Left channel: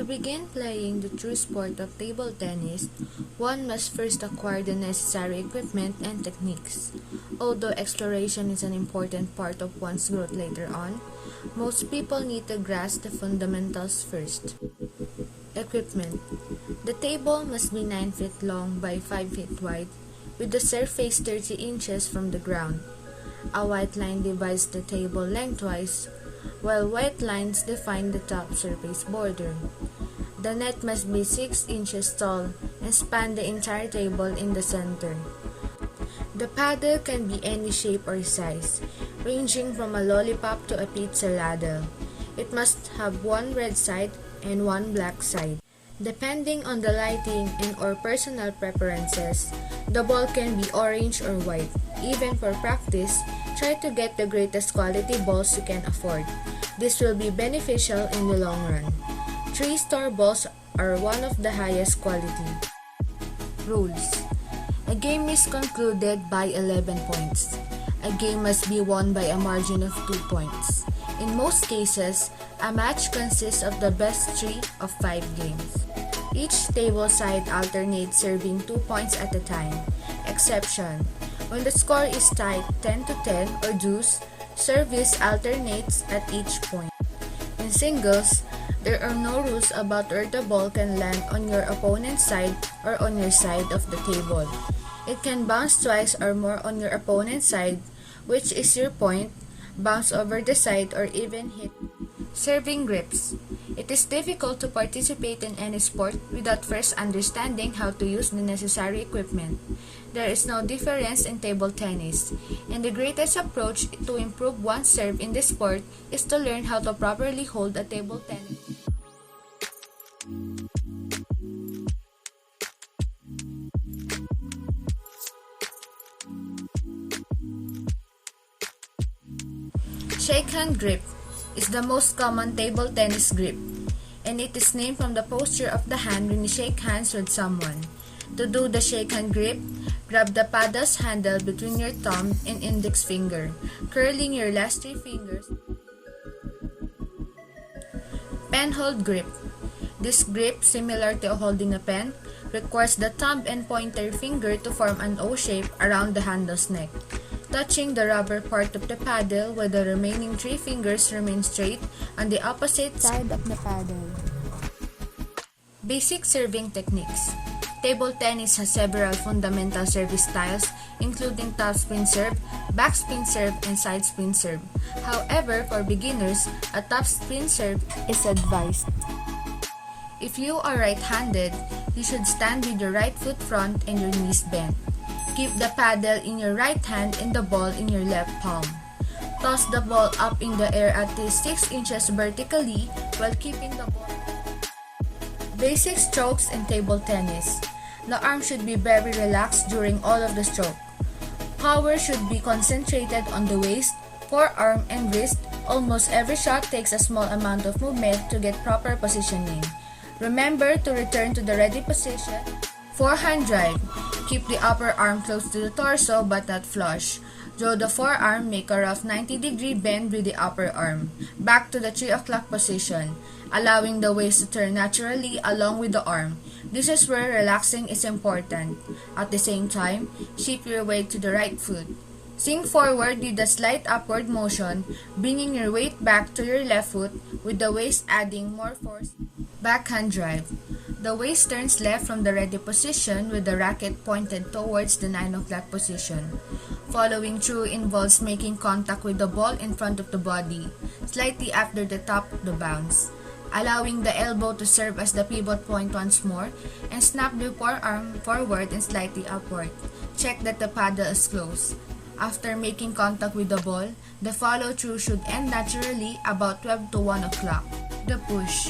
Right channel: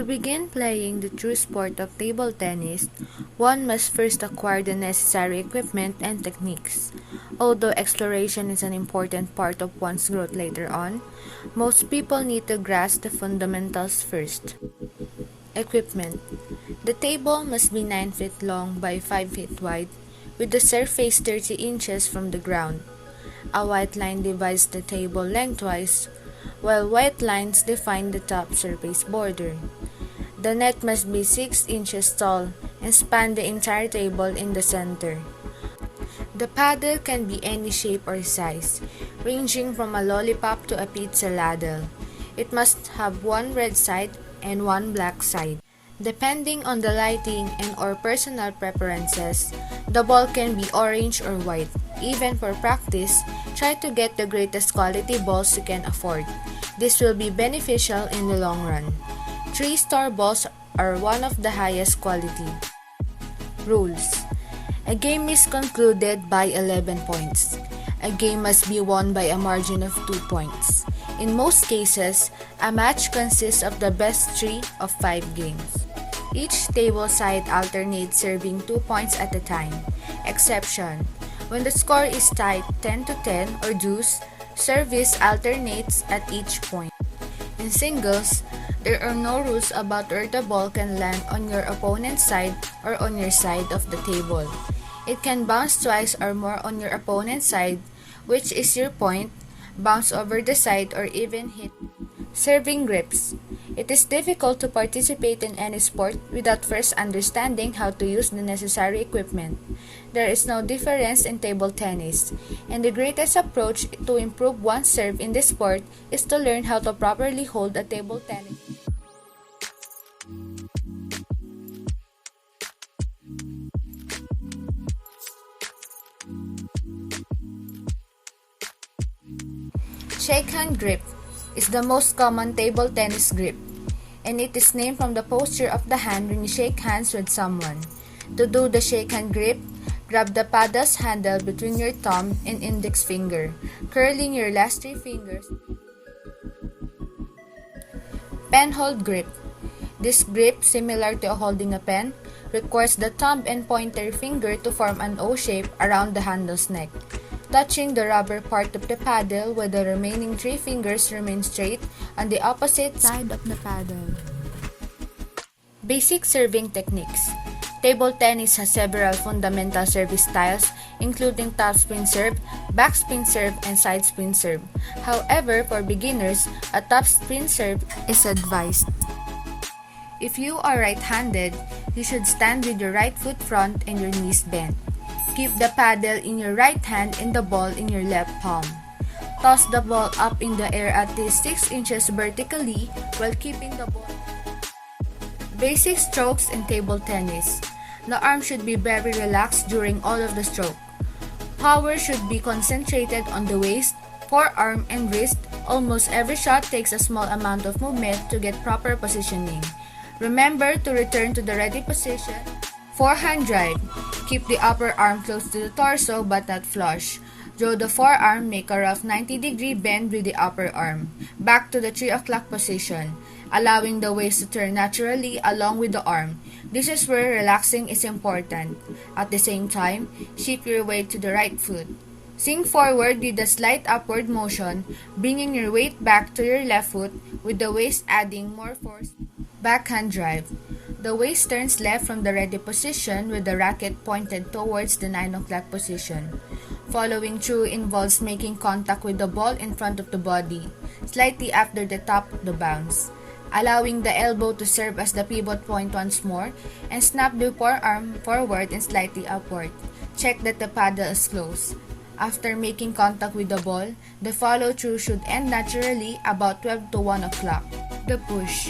To begin playing the true sport of table tennis, one must first acquire the necessary equipment and techniques. Although exploration is an important part of one's growth later on, most people need to grasp the fundamentals first. Equipment. The table must be 9 feet long by 5 feet wide, with the surface 30 inches from the ground. A white line divides the table lengthwise, while white lines define the top surface border. The net must be 6 inches tall and span the entire table in the center. The paddle can be any shape or size, ranging from a lollipop to a pizza ladle. It must have one red side and one black side. Depending on the lighting and/or personal preferences, the ball can be orange or white. Even for practice, try to get the greatest quality balls you can afford. This will be beneficial in the long run. 3-star balls are one of the highest quality. Rules. A game is concluded by 11 points. A game must be won by a margin of 2 points. In most cases, a match consists of the best 3 of 5 games. Each table side alternates serving 2 points at a time. Exception: when the score is tied 10-10 or deuce, service alternates at each point. In singles, there are no rules about where the ball can land on your opponent's side or on your side of the table. It can bounce twice or more on your opponent's side, which is your point, bounce over the side, or even hit. Serving grips. It is difficult to participate in any sport without first understanding how to use the necessary equipment. There is no difference in table tennis, and the greatest approach to improve one's serve in this sport is to learn how to properly hold a table tennis. Shake-hand grip is the most common table tennis grip, and it is named from the posture of the hand when you shake hands with someone. To do the shake-hand grip, grab the paddle's handle between your thumb and index finger, curling your last 3 fingers. Pen hold grip. This grip, similar to holding a pen, requires the thumb and pointer finger to form an O shape around the handle's neck, touching the rubber part of the paddle while the remaining 3 fingers remain straight on the opposite side of the paddle. Basic serving techniques. Table tennis has several fundamental service styles, including topspin serve, backspin serve, and sidespin serve. However, for beginners, a topspin serve is advised. If you are right-handed, you should stand with your right foot front and your knees bent. Keep the paddle in your right hand and the ball in your left palm. Toss the ball up in the air at least 6 inches vertically while keeping the ball. Basic strokes in table tennis. The arm should be very relaxed during all of the stroke. Power should be concentrated on the waist, forearm, and wrist. Almost every shot takes a small amount of movement to get proper positioning. Remember to return to the ready position. Forehand drive. Keep the upper arm close to the torso but not flush. Draw the forearm, make a rough 90-degree bend with the upper arm. Back to the 3 o'clock position, allowing the waist to turn naturally along with the arm. This is where relaxing is important. At the same time, shift your weight to the right foot. Sink forward with a slight upward motion, bringing your weight back to your left foot with the waist adding more force. Backhand drive. The waist turns left from the ready position with the racket pointed towards the 9 o'clock position. Following through involves making contact with the ball in front of the body, slightly after the top of the bounce, allowing the elbow to serve as the pivot point once more, and snap the forearm forward and slightly upward. Check that the paddle is close. After making contact with the ball, the follow-through should end naturally about 12 to 1 o'clock. The push.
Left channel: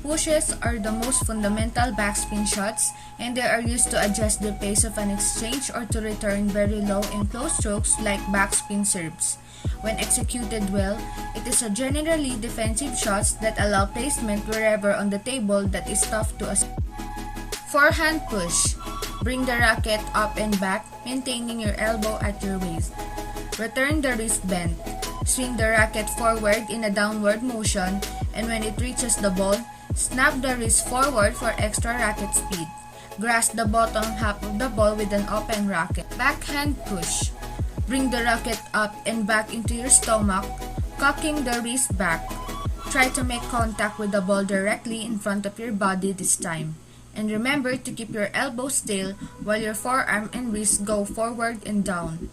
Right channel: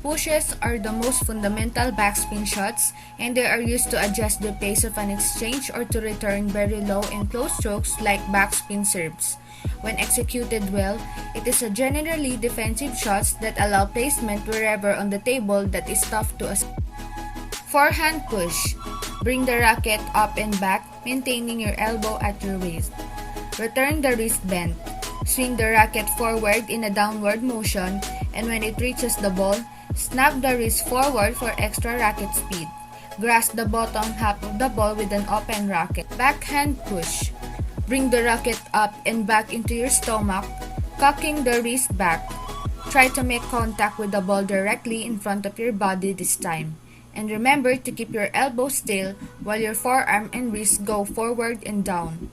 Pushes are the most fundamental backspin shots, and they are used to adjust the pace of an exchange or to return very low and close strokes like backspin serves. When executed well, it is a generally defensive shots that allow placement wherever on the table that is tough to assess. Forehand push. Bring the racket up and back, maintaining your elbow at your waist. Return the wrist bend. Swing the racket forward in a downward motion and when it reaches the ball, snap the wrist forward for extra racket speed. Grasp the bottom half of the ball with an open racket. Backhand push. Bring the racket up and back into your stomach, cocking the wrist back. Try to make contact with the ball directly in front of your body this time. And remember to keep your elbows still while your forearm and wrist go forward and down.